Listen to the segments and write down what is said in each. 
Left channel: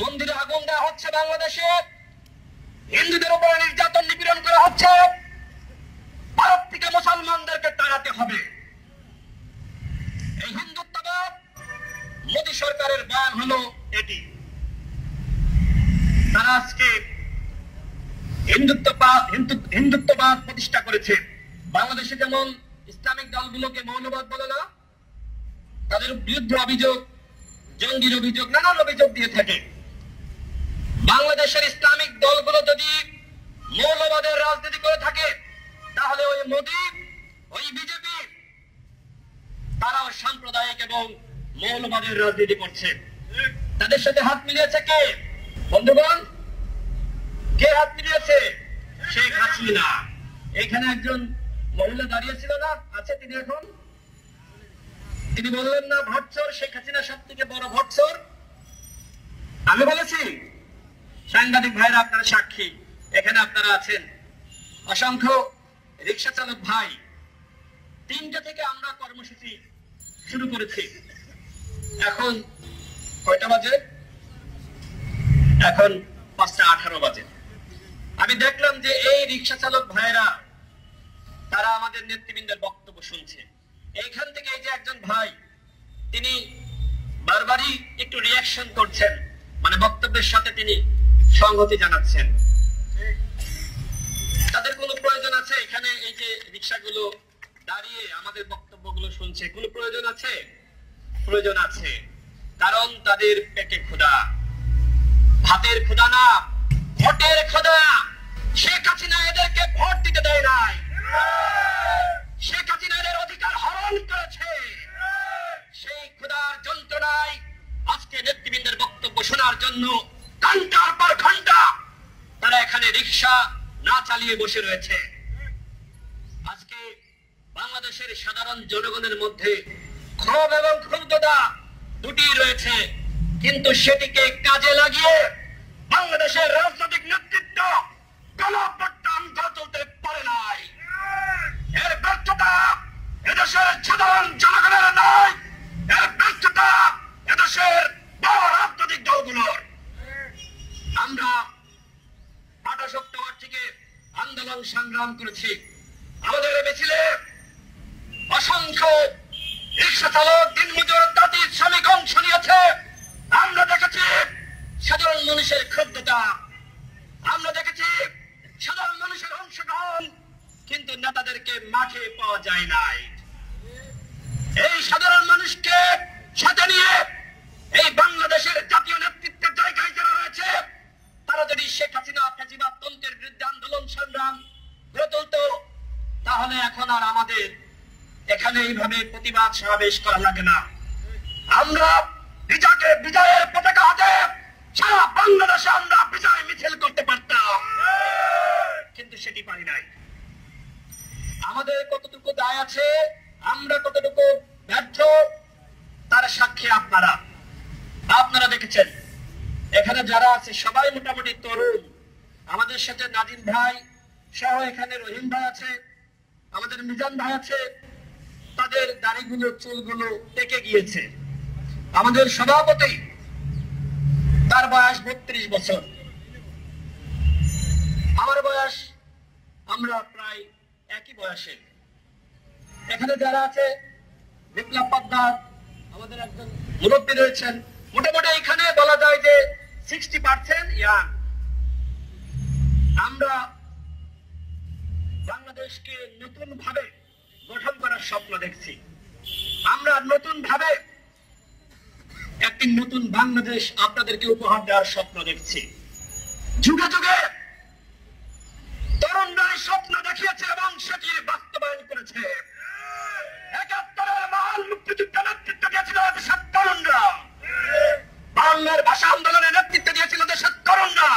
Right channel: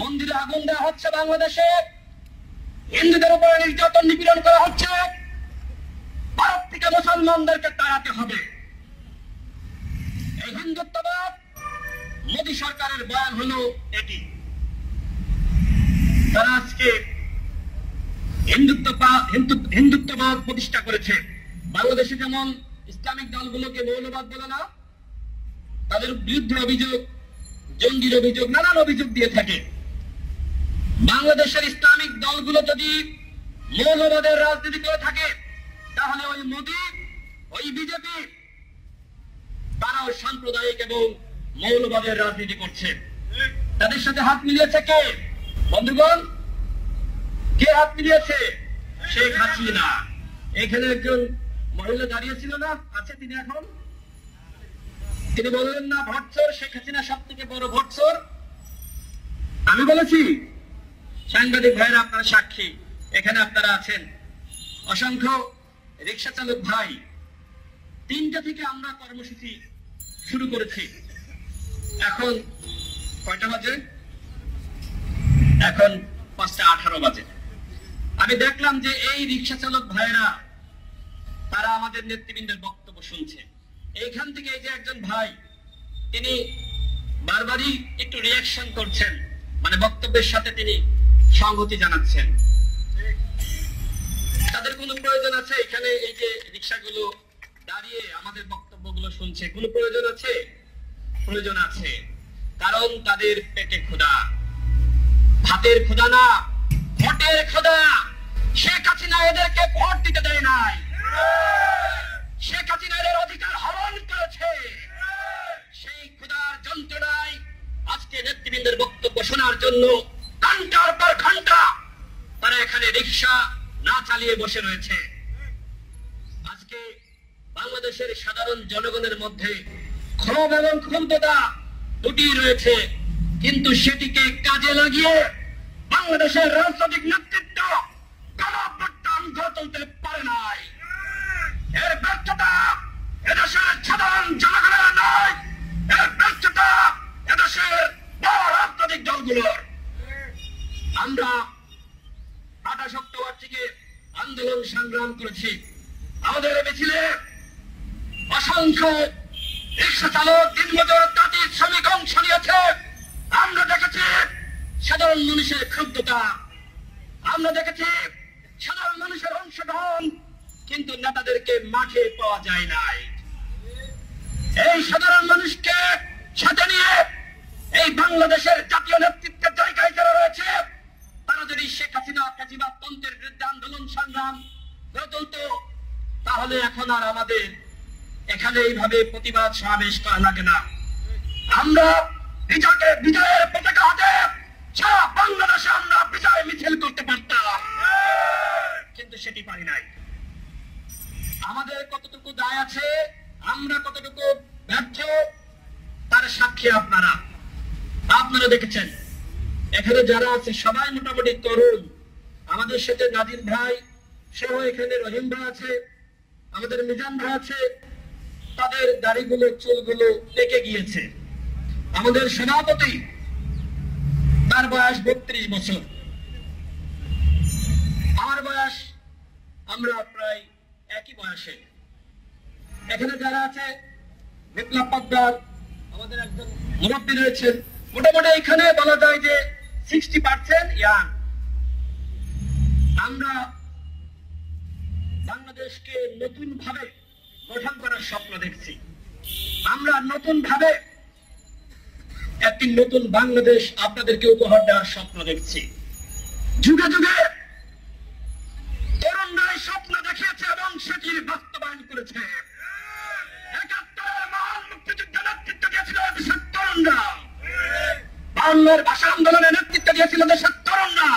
মন্দিরে আগুন দেওয়া হচ্ছে, বাংলাদেশে হিন্দুদের উপরে নির্যাতন নিপীড়ন করা হচ্ছে। ভারত থেকে মুসলমানদেরকে তাড়াতে হবে। এই হিন্দুত্ববাদ মোদী সরকারের বয়ান হলো এটি। তারা আজকে হিন্দুত্ববাদ প্রতিষ্ঠা করেছে। বাংলাদেশে যেমন ইসলামিক দলগুলোকে মৌলবাদ বলে না, তাদের বিরুদ্ধে অভিযোগ, জঙ্গির অভিযোগ, নানান অভিযোগ দিয়ে থাকে। বাংলাদেশের ইসলামিক দলগুলো যদি মৌলবাদের রাজনীতি করে থাকে, তাহলে ওই মোদী, ওই বিজেপি, তারাও সাম্প্রদায়িক এবং মৌলবাদের রাজনীতি করছে। তাদের সাথে হাত মিলিয়েছে কে? বন্ধুগণ, কে হাত মিলিয়েছে? শেখ হাসিনা। এখানে একজন মহিলা দাঁড়িয়েছিল না, আছে তিনি এখন? তিনি বললেন না ভোটচোর, শেখ হাসিনা সব থেকে বড় ভোটচোর। আমি বলেছি, সাংবাদিক ভাইরা আপনারা সাক্ষী, এখানে আপনারা আছেন। অসংখ্য রিক্সা চালক ভাই, 3টা থেকে আমরা কর্মসূচি শুরু করেছি। এখন কয়টা বাজে? এখন 5:18 বাজে। আমি দেখলাম যে এই রিক্সা চালক ভাইরা তারা আমাদের নেতৃবৃন্দের বক্তব্য শুনছে। এইখান থেকে এই যে একজন ভাই, তিনি বারবারই একটু রিয়াকশন করছেন, মানে বক্তব্যের সাথে তিনি সংহতি জানাচ্ছেন। তাদের কোনো প্রয়োজন আছে এখানে এই যে রিক্সাগুলো দাঁড়িয়ে আমাদের বক্তব্যগুলো শুনছে? কোনো প্রয়োজন আছে? প্রয়োজন আছে, কারণ তাদের পেটে ক্ষুধা, ভাতের ক্ষুধা না, ভোটের ক্ষুধা। শেখ হাসিনা এদেরকে ভোট দিতে দেয় নাই। শেখ হাসিনা এদের অধিকার হরণ করেছে। সেই ক্ষুধার যন্ত্রণায় আজকে নেতৃবৃন্দের বক্তব্য শোনার জন্য ঘন্টার পর ঘন্টা তারা এখানে রিক্সা না চালিয়ে বসে রয়েছে। আজকে বাংলাদেশের সাধারণ জনগণের মধ্যে ক্ষোভ এবং ক্ষুব্ধতা দুটি রয়েছে, কিন্তু সেটিকে কাজে লাগিয়ে বাংলাদেশের রাজনৈতিক নেতৃত্ব গণঅভ্যুত্থান গড়ে তুলতে পারে নাই। এর ব্যর্থতা এদেশের সাধারণ জনগণের নয়, এর ব্যর্থতা এদেশের বড় রাজনৈতিক দলগুলোর। আমরা 28 অক্টোবর থেকে আন্দোলন সংগ্রাম করেছি। আমাদের মিছিলে অসংখ্য রিক্সা চালক, দিনমজুর, তাঁতি, শ্রমিক অংশ নিয়েছে। আমরা দেখেছি সাধারণ মানুষের ক্ষুব্ধতা, আমরা দেখেছি সাধারণ মানুষের অংশগ্রহণ, কিন্তু নেতাদেরকে মাঠে পাওয়া যায় নাই। এই সাধারণ মানুষকে সাথে নিয়ে এই বাংলাদেশের জাতীয় নেতৃত্বের জায়গায় যারা রয়েছে, তারা যদি শেখ হাসিনা ফ্যাসিবাদতন্ত্রের বিরুদ্ধে আন্দোলন সংগ্রাম গড়ে তুলত, তাহলে এখন আর আমাদের এখানে এইভাবে প্রতিবাদ সমাবেশ করা লাগে না। আমরা বিজয়ের পতাকা হাতে সারা বাংলাদেশে আমরা বিজয় মিছিল করতে পারতাম, কিন্তু সেটি পারি নাই। আমাদের কতটুকু দায় আছে, আমরা কতটুকু ব্যর্থ, তার সাক্ষী আপনারা। আপনারা দেখেছেন এখানে যারা আছে সবাই মোটামুটি তরুণ। আমাদের সাথে নাদির ভাই সহ এখানে রহিম ভাই আছে, আমাদের মিজান ভাই আছে, তাদের দাড়িগুলো, চুলগুলো পেকে গিয়েছে। আমাদের সভাপতি, তার বয়স 32 বছর, আমার বয়স, আমরা প্রায় একই বয়সে। এখানে যারা আছে, বিপ্লব পাদ্দার, আমাদের একজন মুরব্বী রয়েছেন, মোটামুটি এখানে বলা যায় যে 60% ইয়াং। আমরা বাংলাদেশকে নতুন ভাবে গঠন করার স্বপ্ন দেখছি। আমরা নতুন ভাবে একটি নতুন বাংলাদেশ আপনাদেরকে উপহার দেওয়ার স্বপ্ন দেখছি। যুগে যুগে তরুণরাই স্বপ্ন দেখিয়েছে এবং সেটি বাস্তবায়ন করেছে। 71-এর মহান মুক্তিযুদ্ধে নেতৃত্ব দিয়েছিল দেশের তরুণরা। 52-এর ভাষা আন্দোলনে নেতৃত্ব দিয়েছিল দেশের তরুণরা।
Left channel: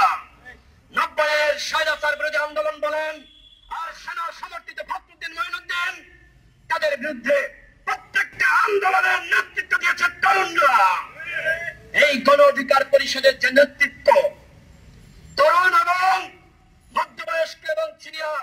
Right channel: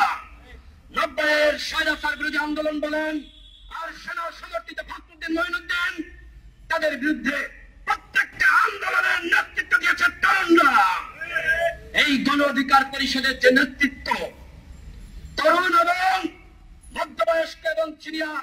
90-এর স্বৈরাচার বিরোধী আন্দোলন বলেন আর সেনা সমর্থিত ফখরুদ্দিন মঈনুদ্দিন, তাদের বিরুদ্ধে প্রত্যেকটা আন্দোলনের নেতৃত্ব দিয়েছে তরুণরা। এই গণ অধিকার পরিষদের যে নেতৃত্ব, তরুণ এবং মধ্যবয়স্ক এবং সিনিয়র